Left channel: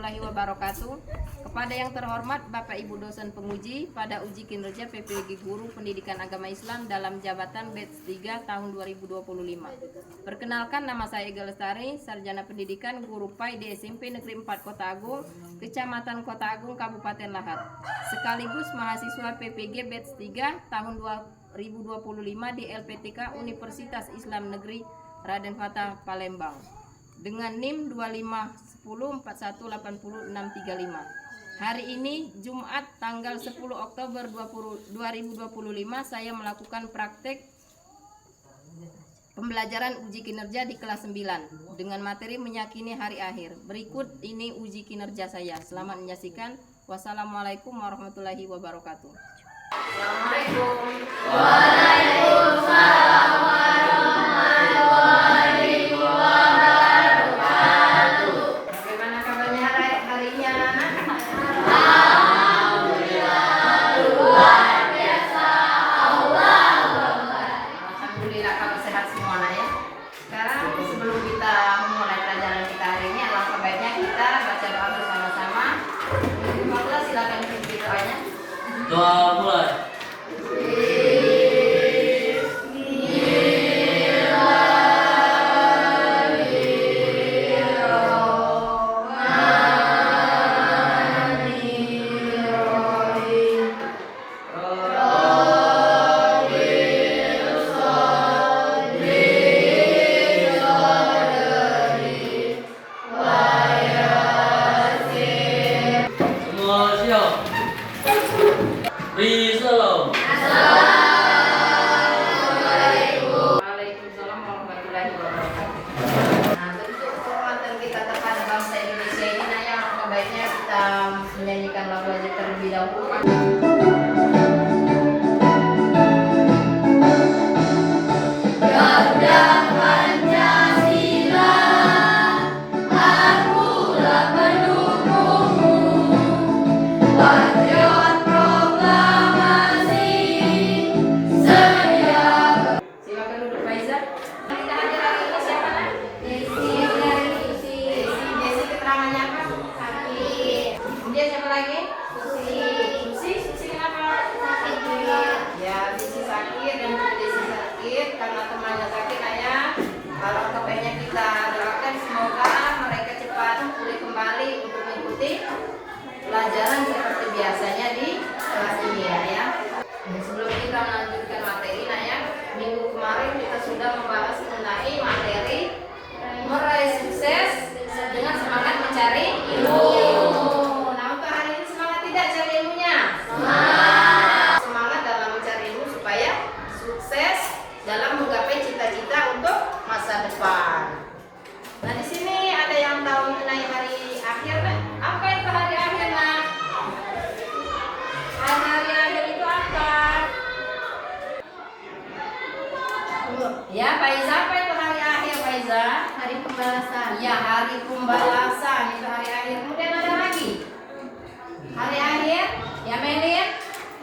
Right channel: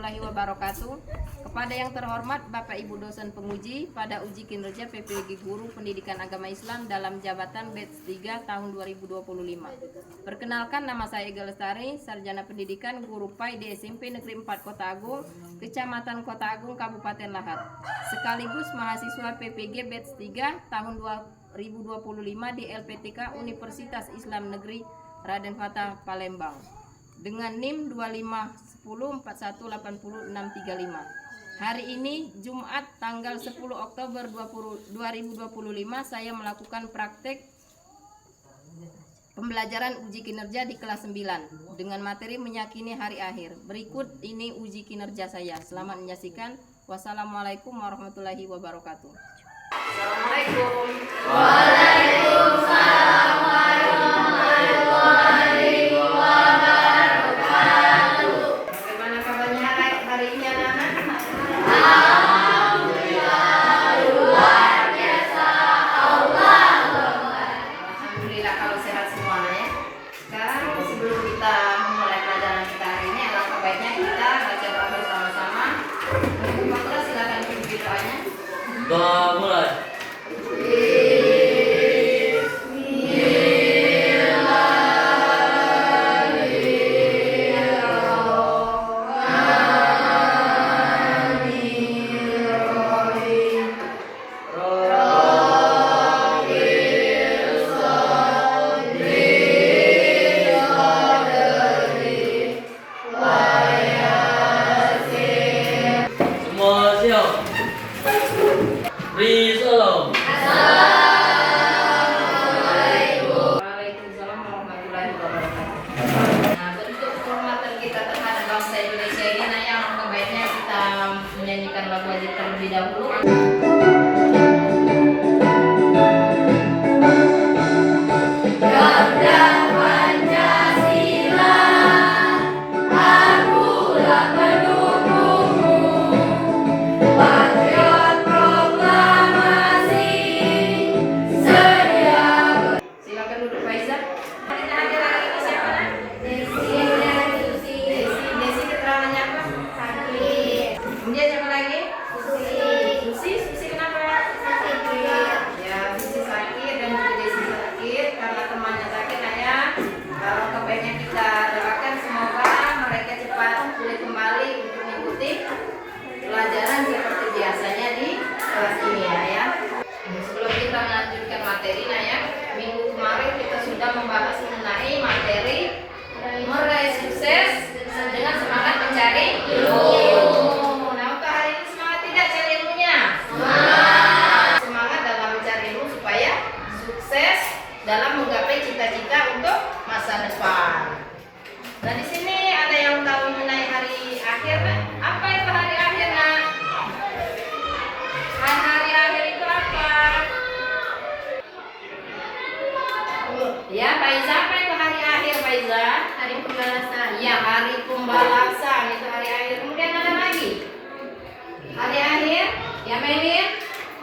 warahmatullahi wabarakatuh. Kepada yang terhormat Bapak Ibu dosen penguji pada uji kinerja PPG Guru Pendidikan Agama Islam dalam jabatan batch 3 tahun 2025. Perkenalkan, nama saya Ega Lestari, Sarjana Pendidikan Guru PAI di SMP Negeri 4 Kota Agung, Kecamatan Kota Agung, Kabupaten Lahat. Sekaligus mahasiswa PPG batch 3 tahun 2025 di LPTK Universitas Islam Negeri Raden Fatah Palembang dengan NIM 2510418065. Hari ini Jumat tanggal 10 Oktober 2025 saya melakukan praktek pembelajaran uji kinerja di kelas 9 dengan materi meyakini hari akhir. Berikut ini uji kinerja saya. Selamat menyaksikan. Wassalamualaikum warahmatullahi wabarakatuh. Assalamualaikum. Waalaikumsalam warahmatullahi wabarakatuh. Bagaimana kabarnya harinya? Alhamdulillah, luar biasa. Alhamdulillah kalau sehat semuanya. Sekarang sebelum kita mulai pelajaran kita hari ini, alangkah baiknya kita baca doa bersama-sama. Maklah silakan ikuti doanya. Doa mulai. Semua siap. Risalam. Waalaikumsalam warahmatullahi wabarakatuh. Nah, bentuk penghormatan kita terhadap bangsa Indonesia ini, nah yang baiknya kita menyanyikan lagu aja terlebih dahulu. Garda Pancasila, akulah pendukungmu. Patriot proklamasi, sedia. Silakan duduk, Faiza. Kita ada lagi ini siapa? Desi. Desi keterangannya apa? Sakit. Kemudian siapa lagi? Susi kenapa? Sakit. Ya, Susi sakit dan Desi sakit karena temannya sakit. Ayah, kalau kebaiknya kita doakan semoga mereka cepat pulih kembali untuk mengikuti pelajaran seperti biasanya di kelas ini ya. Sebelum kita melanjutkan materi, nah ya, minggu kemarin kita sudah membahas mengenai materi meraih sukses dengan semangat mencari ilmu. Nah, untuk hari ini semangat tidak cari ilmunya? Semangat dalam mencari ilmu supaya sukses dalam menggapai cita-cita untuk masa depan. Nah, di sini ada yang tahu mengenai hari akhir, kan? Apa itu hari akhir, nak? Hari akhir itu apa? Ya, Faiza, apa itu hari akhir, Faiza? Hari pembalasan. Ya, hari pembalasan itu hari akhir. Kemudian ada lagi hari akhir, ya Melin?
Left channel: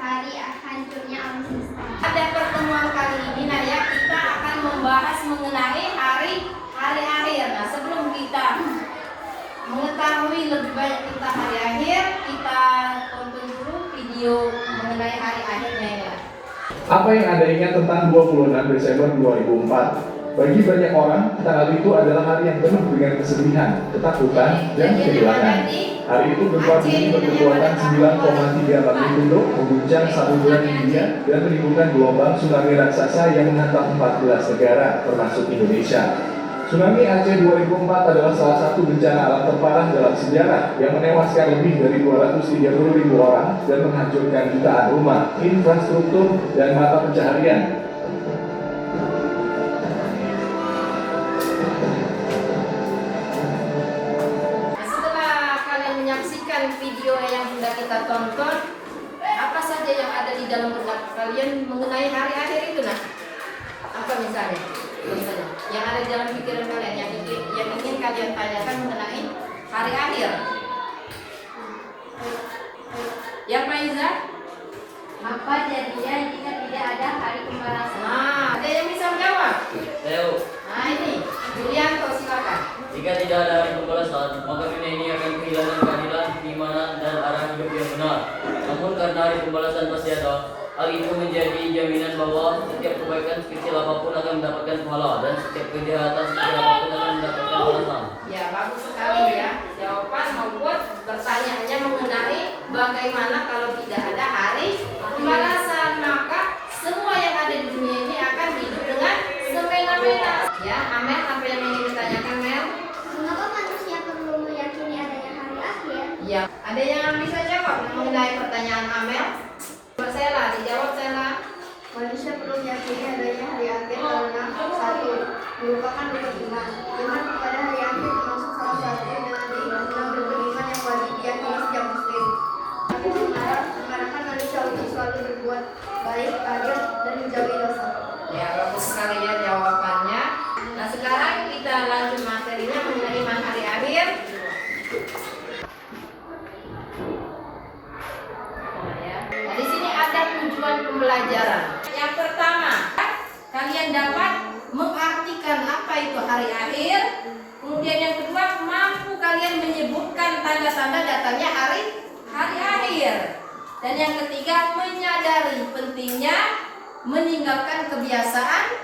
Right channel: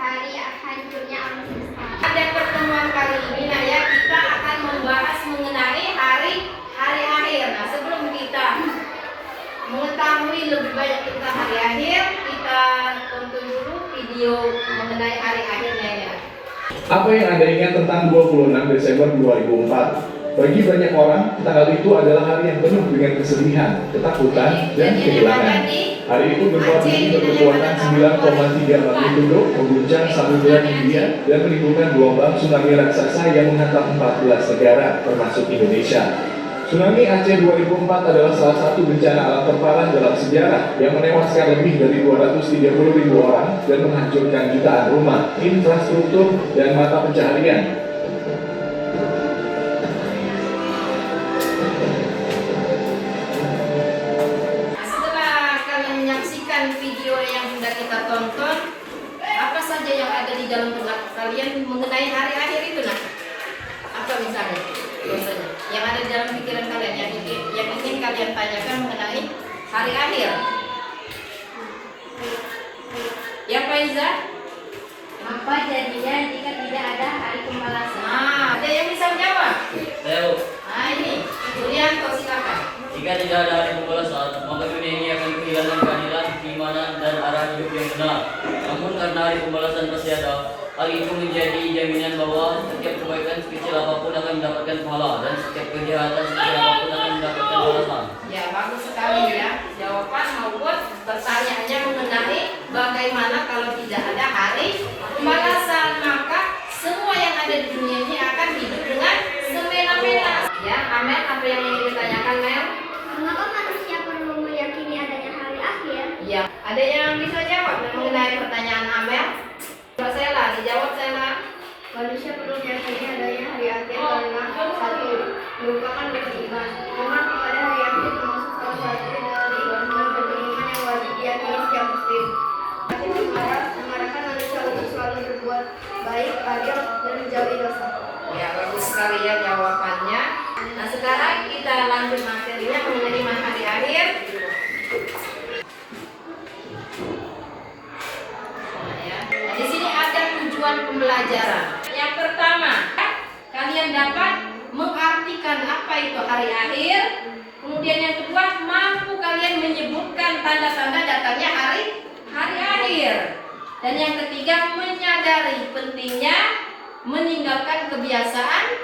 Hari hancurnya alam semesta. Pada pertemuan kali ini, nah ya, kita akan membahas mengenai hari akhir. Nah, sebelum kita mengetahui lebih banyak tentang hari akhir, kita tonton dulu video mengenai hari akhirnya ya. Apa yang Anda ingat tentang 26 Desember 2004? Bagi banyak orang, tanggal itu adalah hari yang penuh dengan kesedihan, ketakutan, dan kehilangan. Hari itu gempa bumi berkekuatan 9,3 magnitudo mengguncang Samudra Hindia dan menimbulkan gelombang tsunami raksasa yang menghantam 14 negara, termasuk Indonesia. Tsunami Aceh 2004 adalah salah satu bencana alam terparah dalam sejarah yang menewaskan lebih dari 230.000 orang dan menghancurkan jutaan rumah, infrastruktur, dan mata pencaharian. Setelah kalian menyaksikan video yang sudah kita tonton, apa saja yang ada di dalam benak kalian mengenai hari akhir itu, nah? Apa misalnya? Biasanya yang ada di dalam pikiran kalian yang ingin kalian tanyakan mengenai hari akhir. Yang Faiza? Apa jadinya jika tidak ada hari pembalasan? Nah, ada yang bisa menjawab? Tahu. Nah, ini Julian, silakan. Jika tidak ada hari pembalasan, maka dunia ini akan kehilangan karena hari pembalasan pasti ada. Hari itu menjadi jaminan bahwa setiap kebaikan sekecil apapun akan mendapatkan pahala dan setiap kejahatan sekecil apapun akan mendapatkan balasan. Ya, bagus sekali ya. Jawaban maupun pertanyaannya mengenai bagaimana kalau tidak ada hari pembalasan, maka semua yang ada di dunia ini akan hidup dengan semena-mena. Ya, Amel, apa yang ingin ditanyakan, Mel? Mengapa manusia perlu meyakini adanya hari akhir? Ya, ada yang bisa jawab mengenai pertanyaan Amel? Coba Sela, dijawab Sela. Manusia perlu meyakini adanya hari akhir karena satu, merupakan beriman. Karena pada hari akhir termasuk salah satu dari beriman yang wajib diyakini setiap muslim. Kedua, mengarahkan manusia untuk selalu berbuat baik, adil, dan menjauhi dosa. Ya, bagus sekali ya jawabannya. Nah, sekarang kita lanjut materinya mengenai hari akhir. Nah, ya. Nah, di sini ada tujuan pembelajaran. Yang pertama, kalian dapat mengartikan apa itu hari akhir. Kemudian yang kedua, mampu kalian menyebutkan tanda-tanda datangnya hari akhir. Dan yang ketiga, menyadari pentingnya meninggalkan kebiasaan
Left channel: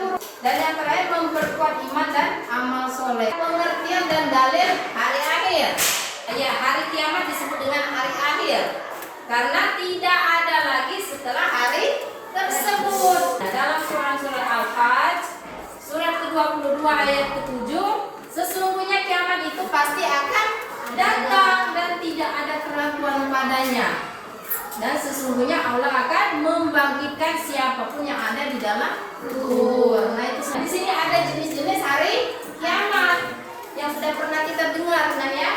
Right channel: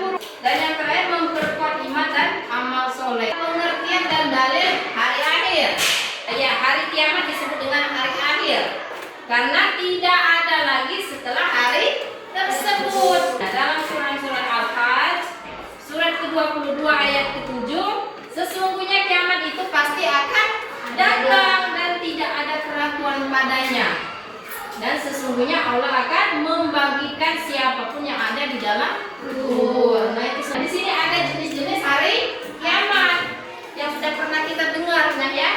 buruk. Dan yang terakhir, memperkuat iman dan amal soleh. Pengertian dan dalil hari akhir. Ya, hari kiamat disebut dengan hari akhir karena tidak ada lagi setelah hari tersebut. Nah, dalam surat Al-Hajj surat ke-22 ayat ke-7, sesungguhnya kiamat itu pasti akan datang dan tidak ada keraguan padanya. Dan sesungguhnya Allah akan membangkitkan siapapun yang ada di dalam kubur. Nah, itu di sini ada jenis-jenis hari kiamat yang sudah pernah kita dengar, nah ya.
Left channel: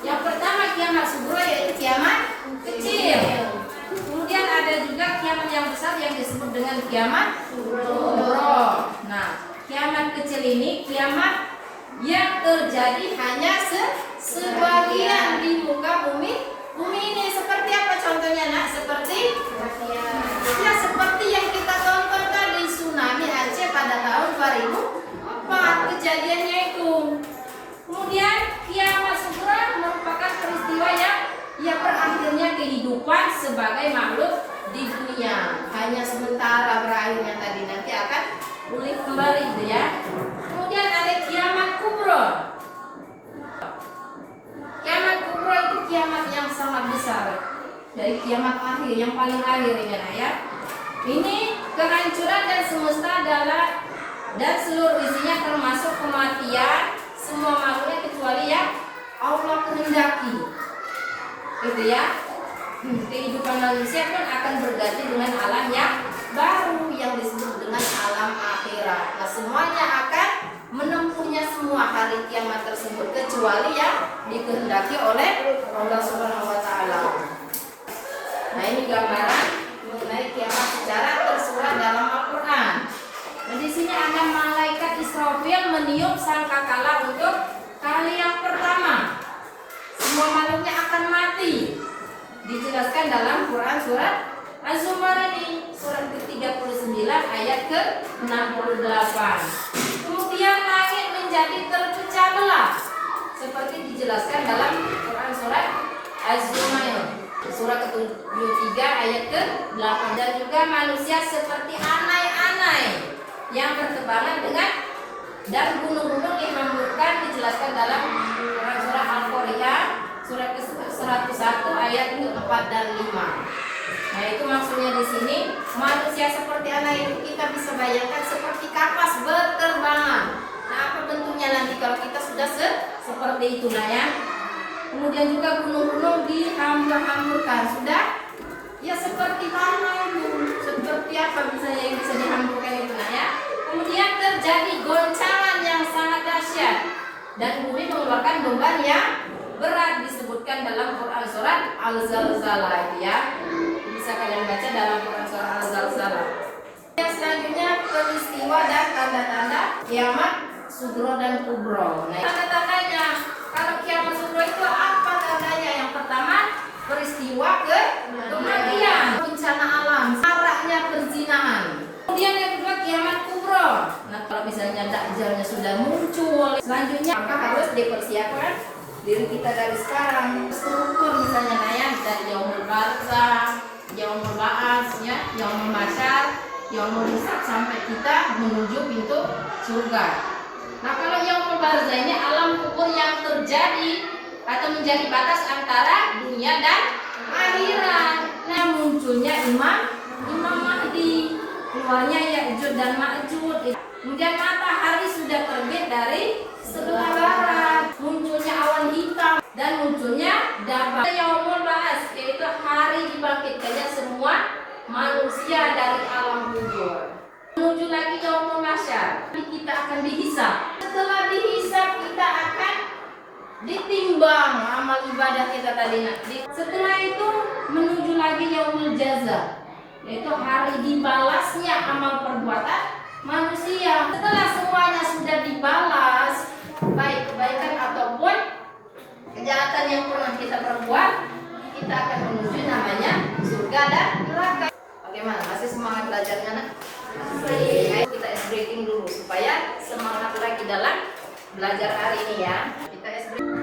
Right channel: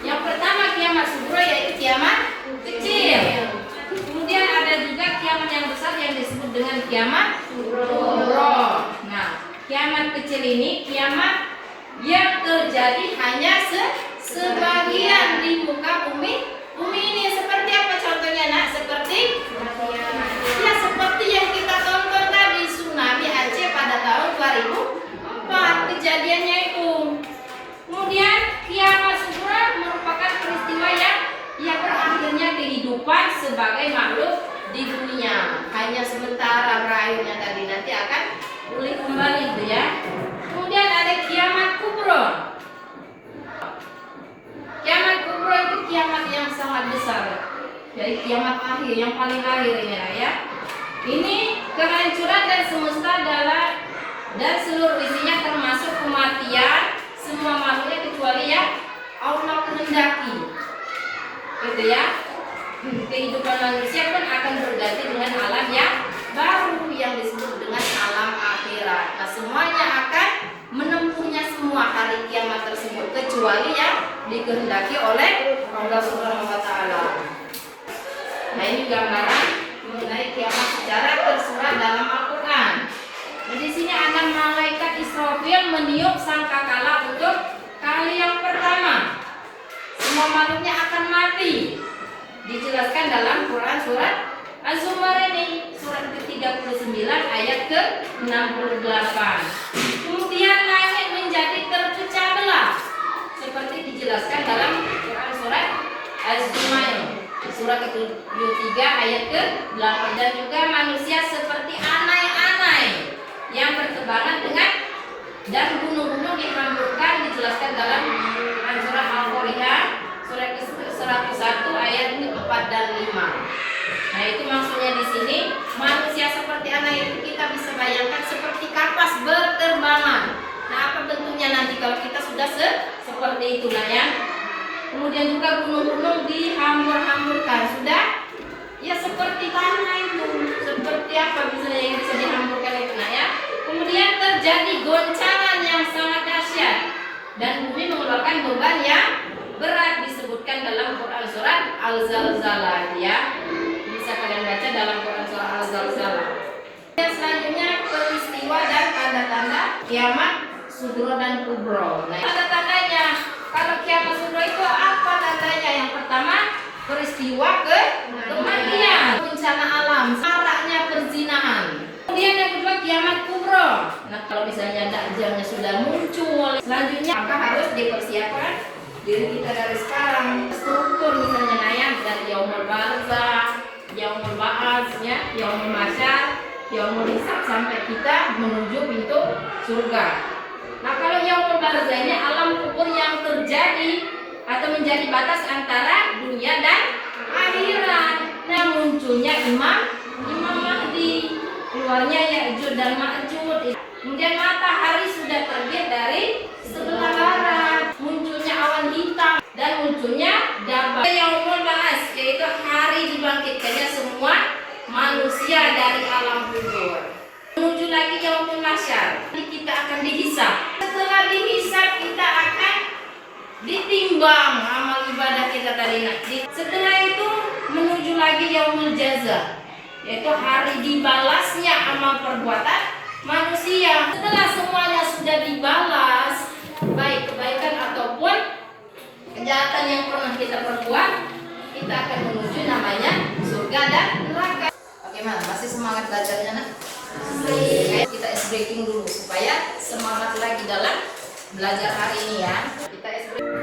Yang pertama kiamat sughra, yaitu kiamat kecil. Kemudian ada juga kiamat yang besar yang disebut dengan kiamat kubra. Nah, kiamat kecil ini kiamat yang terjadi hanya sebagian di muka bumi ini. Seperti apa contohnya, Nak? Seperti seperti yang kita tonton tadi, tsunami Aceh pada tahun 2004 kejadiannya itu. Kemudian kiamat sughra merupakan peristiwa yang berakhirnya kehidupan sebagai makhluk di dunia. Hanya sementara berakhirnya tadi, nanti akan pulih kembali itu ya. Kemudian ada kiamat kubra. Kiamat kubra itu kiamat yang sangat besar. Jadi kiamat akhir yang paling akhir ini ya. Ini kehancuran dan semesta dan seluruh isinya termasuk kematian semua makhluknya kecuali yang Allah kehendaki. Gitu ya. Kehidupan manusia pun akan berganti dengan alam yang baru yang disebut dengan alam akhirat. Nah, semuanya akan menempuhnya semua hari kiamat tersebut kecuali yang dikehendaki oleh Allah Subhanahu wa taala. Nah, ini gambaran mengenai kiamat secara tersurat dalam Al-Qur'an. Nah, di sini ada malaikat Israfil meniup sangkakala untuk kali yang pertama. Semua makhluknya akan mati. Dijelaskan dalam Quran surat Az-Zumar ini, surat ke-39 ayat ke-68. Kemudian langit menjadi terpecah belah seperti dijelaskan dalam Quran surat Az-Zumar surat ke-73 ayat ke-8. Dan juga manusia seperti anai-anai yang bertebaran dengan dan gunung-gunung dihamburkan, dijelaskan dalam Quran surah Al-Qari'ah surat ke-101 ayat 4 dan 5. Nah, itu maksudnya di sini manusia seperti anak itu kita bisa bayangkan seperti kapas berterbangan. Nah, apa bentuknya nanti kalau kita sudah seperti itu, nah ya. Kemudian juga gunung-gunung dihambur-hamburkan, sudah ya seperti tanah itu. Seperti apa misalnya yang bisa dihamburkan itu, nah ya. Kemudian terjadi goncangan yang sangat dahsyat dan bumi mengeluarkan beban yang berat, disebutkan dalam Quran surat Al-Zalzalah ya. Bisa kalian baca dalam Quran surah Al-Zalzalah. Yang selanjutnya peristiwa dan tanda-tanda kiamat sughra dan kubra. Nah, tanda-tandanya kalau kiamat sughra itu apa tandanya? Yang pertama, peristiwa kematian, bencana alam, maraknya perzinahan. Kemudian yang kedua kiamat kubra. Nah, kalau misalnya dajjalnya sudah muncul, selanjutnya maka harus dipersiapkan diri kita dari sekarang. Struktur misalnya nayam dari yaumul barzah, yaumul ba'ats, ya, yaumul masyar, yaumul hisab sampai kita menuju pintu surga. Nah, kalau yaumul barzahnya alam kubur yang terjadi atau menjadi batas antara dunia dan akhirat. Nah, munculnya Imam Mahdi, keluarnya Ya'juj dan Ma'juj. Kemudian matahari sudah terbit dari sebelah barat, munculnya awan hitam dan munculnya dabah. Yaumul ba'ats, yaitu hari dibangkitkannya semua manusia dari alam kubur. Menuju lagi yaumul masyar, kita akan dihisab. Setelah dihisab kita akan ditimbang amal ibadah kita tadi. Setelah itu menuju lagi yaumul jaza, yaitu hari dibalasnya amal perbuatan manusia. Setelah semuanya sudah dibalas, baik kebaikan ataupun kejahatan yang pernah kita perbuat, kita akan menuju namanya surga dan neraka. Bagaimana? Masih semangat belajarnya, nak? Kita ice breaking dulu supaya semangat lagi dalam belajar hari ini, ya. Kita ice breaking.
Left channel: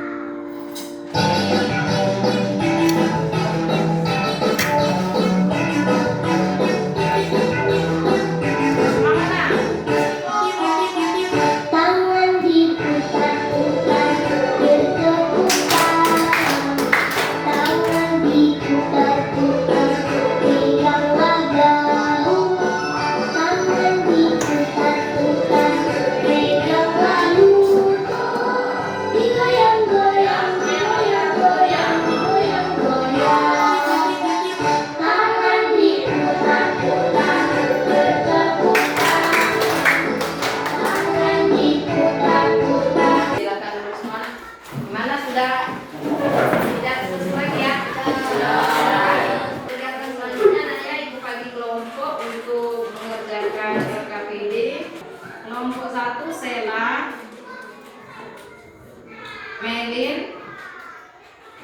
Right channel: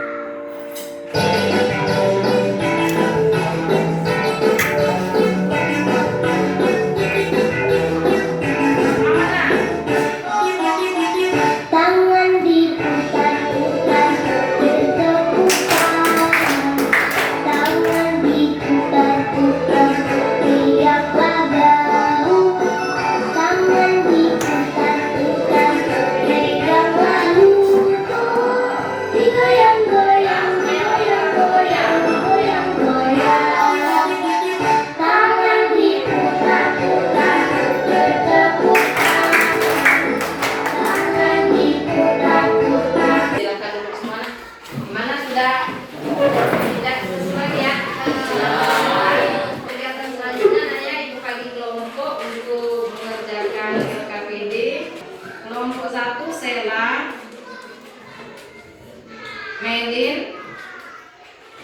Melin,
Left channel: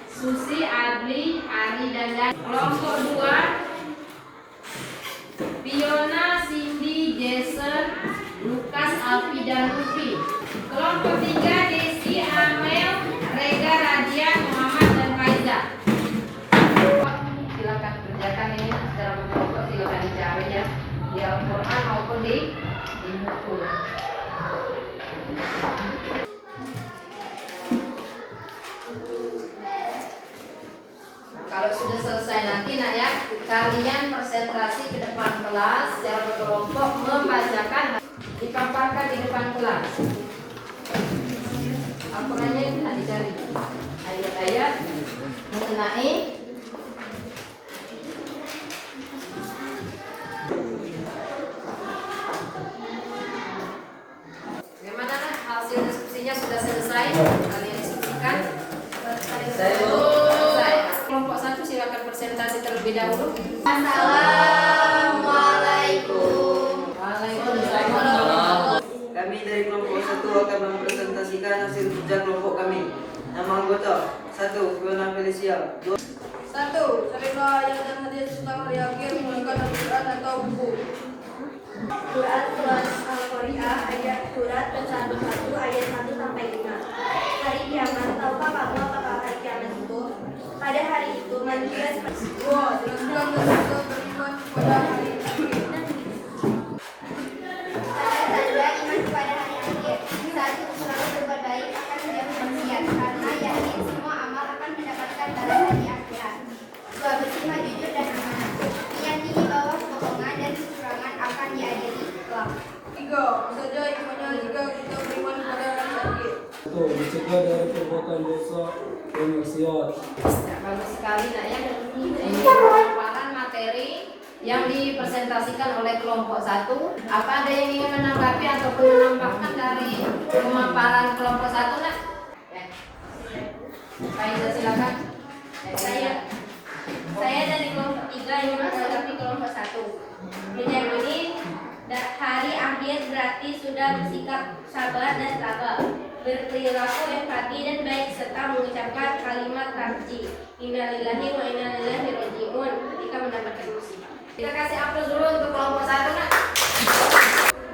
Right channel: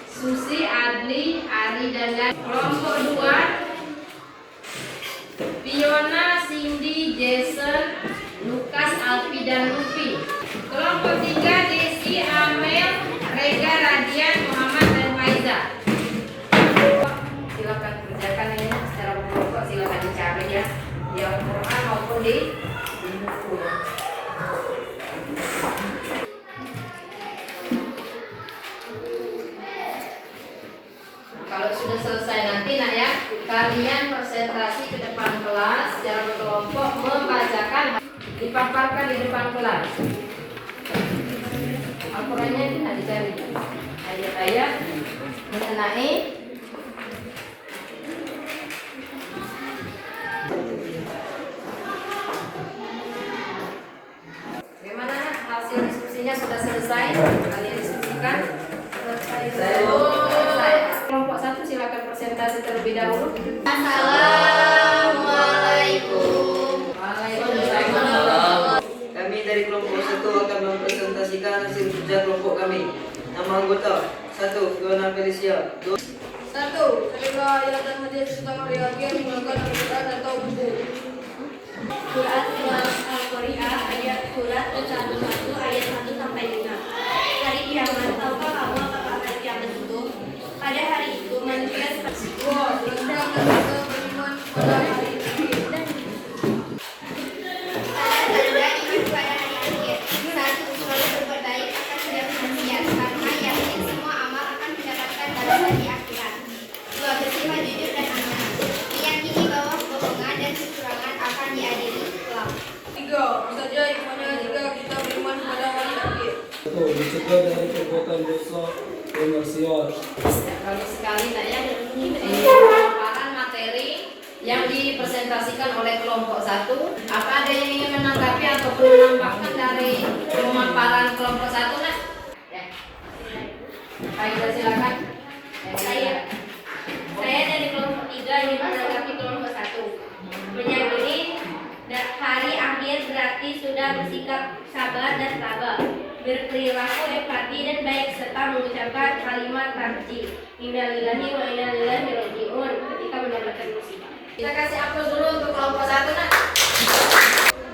Susi, Adli, Ari, dan Dan. Kelompok 2 Fiona, Cindy, Jason, Lukas, Alfi, dan Luffy. Kelompok 3 Desi, Amel, Rega, Radian, Muhammad, dan Faiza. Silakan kerjakan ini secara berkelompok, silakan dicari, ya, di Al-Quran maupun di buku. Kalau sudah selesai nanti, nak, ya, kalian konsentrasi ke depan kelas secara berkelompok membacakan, dipaparkan di depan kelas. Al-Qurannya dicari ayat-ayat mengenai bagaimana, nak, hasil diskusinya sudah selesai. Kalian diskusikan. Kelompok 1 silakan presentasi terlebih dahulu. Assalamualaikum. Waalaikumsalam. Kami dari kelompok 1 akan mempresentasikan hasil kerja kelompok kami. Nama anggota: 1. Fiona Felicia. 2. 1. Terima ayat dan hadis tentang hari akhir menggunakan Al-Quran atau buku. Surat Al-Qari'ah ayat surat ke-1 ayat 1 sampai 5. Hari kiamat, tahukah kamu apakah hari kiamat itu? Pada hari itu manusia seperti 2. Jelaskan dan kita beriman pada hari akhir. Tanda-tanda iman pada hari akhir. 1. Selalu berbuat baik akan menjadi maksiat, karena yakin semua amal akan mendapatkan pada hari akhirat. 2. Bersifat jujur dan amanah, meyakini bahwa kebohongan dan kecurangan akan diadili kelak. 3. Saja imannya jika kita beriman pada hari akhir. 1. Dicegah dari perbuatan dosa dan maksiat. Bagus sekali, nak, ya. Ini pemaparan materi yang dipresentasikan oleh kelompok 1. Apa ada yang ingin menanggapi ataupun menambahkan dari pemaparan kelompok 1, nak? Ya. Faiza, silakan. Saya dari kelompok 3 ingin menanggapi kelompok 1. Meyakini hari akhir berarti sudah bersikap sabar dan tabah, berperilaku empati dan baik, serta mengucapkan kalimat tarji inna lillahi wa inna ilaihi raji'un ketika mendapatkan musibah. Kita kasih aplaus dulu untuk kelompok 1, nak.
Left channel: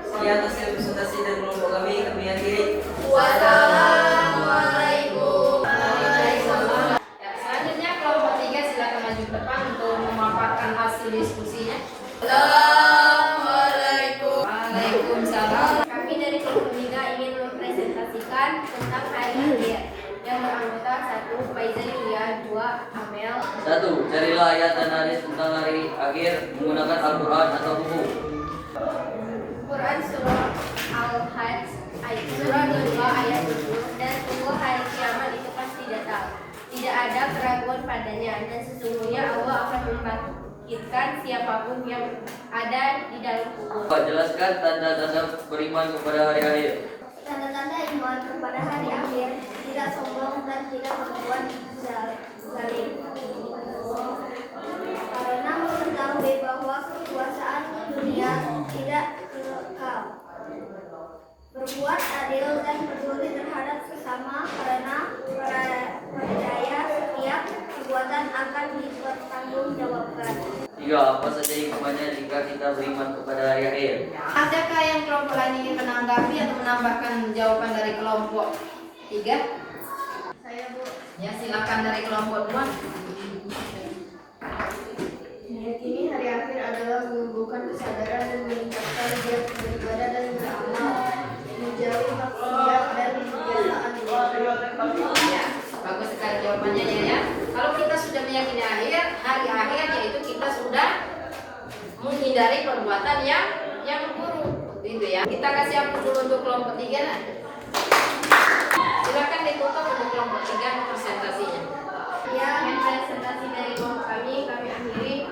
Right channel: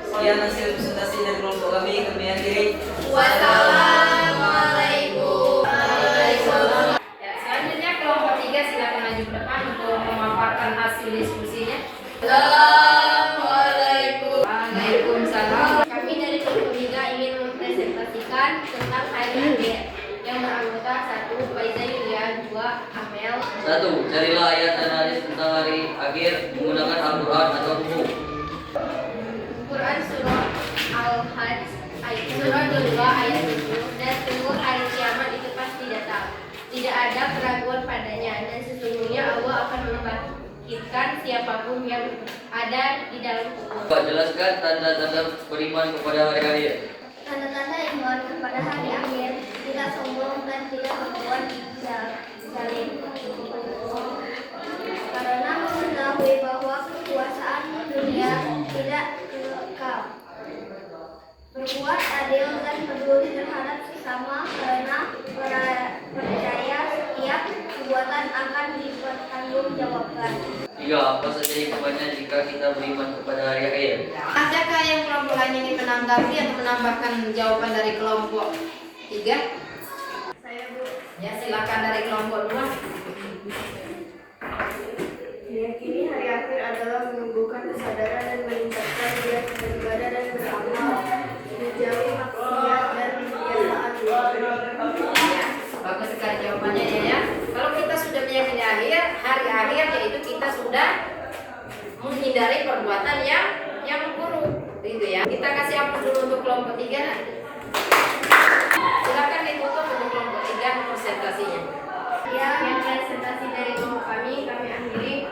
Sekian hasil presentasi dari kelompok kami akhiri. Wassalamualaikum. langsung diskusinya. Assalamualaikum. Waalaikumsalam. Kami dari kelompok 3 ingin mempresentasikan tentang hari akhir yang beranggota 1. Faiza Yulia, 2. Amel. 1. Carilah ayat analis tentang hari akhir menggunakan Al-Quran atau buku. Quran surah Al-Hajj ayat surah 22 ayat 7, dan sungguh hari kiamat itu pasti datang. Tidak ada keraguan padanya, dan sesungguhnya Allah akan membangkitkan siapapun yang ada di dalam kubur. Jelaskan tanda-tanda beriman kepada hari akhir. Tanda-tanda iman kepada hari akhir, tidak sombong dan tidak berbuat zalim. Karena mengetahui bahwa kekuasaan dunia tidak kekal. Berbuat adil dan peduli terhadap sesama, karena percaya setiap perbuatan akan dipertanggungjawabkan. 3. Apa saja hikmahnya jika kita beriman kepada hari akhir? Adakah yang kelompok lain ingin menanggapi atau menambahkan jawaban dari kelompok 3? Saya, Bu. Ya, silakan dari kelompok 2. Meyakini hari akhir adalah menumbuhkan kesadaran dan meningkatkan giat beribadah dan beramal, menjauhi maksiat dan kebiasaan. Ya, bagus sekali jawabannya ya. Kalau kita sudah meyakini hari akhir, yaitu kita sudah menghindari perbuatan yang buruk, gitu ya. Kita kasih ampun dulu untuk kelompok 3. Nah. Silakan ditutup untuk kelompok 3 presentasinya. Ya, yang presentasi dari kelompok kami akhiri.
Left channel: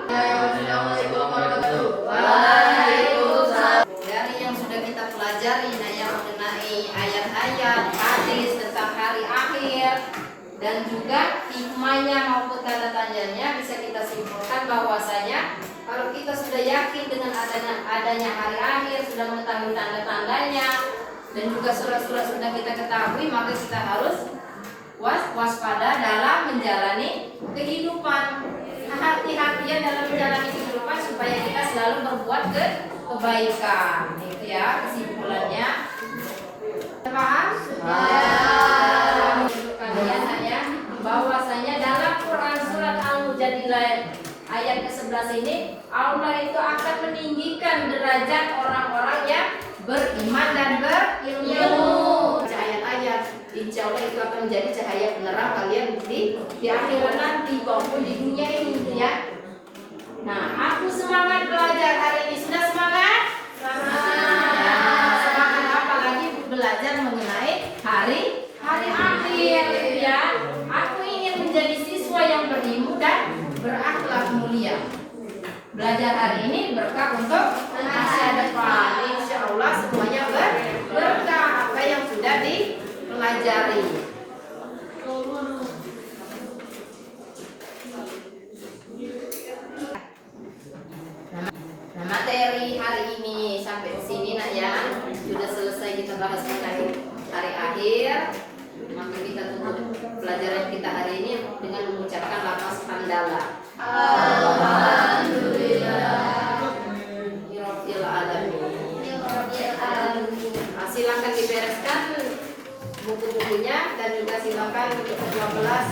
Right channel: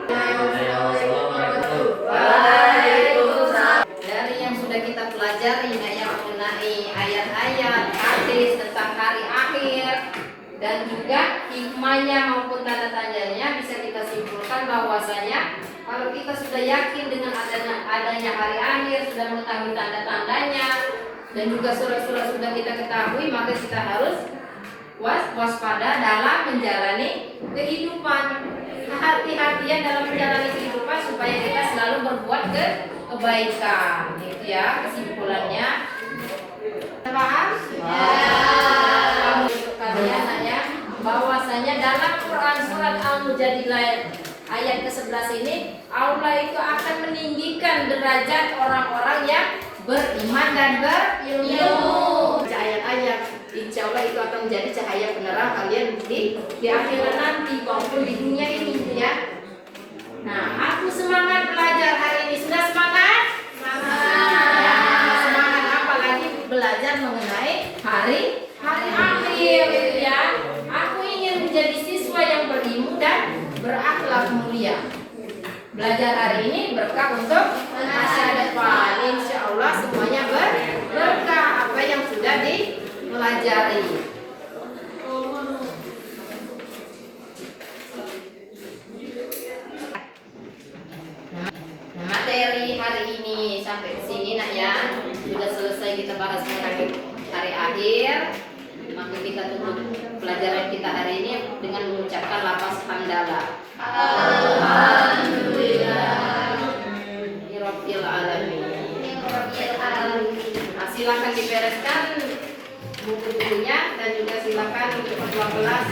Waalaikumsalam. Dari yang sudah kita pelajari yang mengenai ayat-ayat hadis tentang hari akhir dan juga hikmahnya maupun tanda-tandanya, bisa kita simpulkan bahwasanya kalau kita sudah yakin dengan adanya hari akhir, sudah mengetahui tanda-tandanya dan juga surat-surat sudah kita ketahui, maka kita harus waspada dalam menjalani kehidupan. Hati-hatian dalam menjalani kehidupan supaya kita selalu berbuat kebaikan. Itu ya kesimpulannya. Paham? Ya. Kalian hanya bahwasanya dalam Quran surat Al-Mujadilah ayat ke-11 ini, Allah itu akan meninggikan derajat orang-orang yang beriman dan berilmu. Ayat-ayat, insya Allah itu akan menjadi cahaya penerang kalian di akhirat nanti maupun di dunia ini, ya. Nah, aku semangat belajar hari ini. Sudah semangat? Semangat. Ya, semangat apalagi belajar mengenai hari akhir, gitu ya. Aku ingin menjadi siswa yang berilmu dan berakhlak mulia. Belajar hari ini berkah untuk masa depan. Insya Allah semuanya berkah apa yang sudah dipelajari. Materi hari ini sampai di sini nak ya. Sudah selesai kita bahas tentang hari akhir. Maka kita tutup pelajaran kita hari ini dengan mengucapkan lafaz hamdalah. Alhamdulillah Rabbil alamin. Nah, silakan dibereskan buku-bukunya dan juga silakan untuk kelas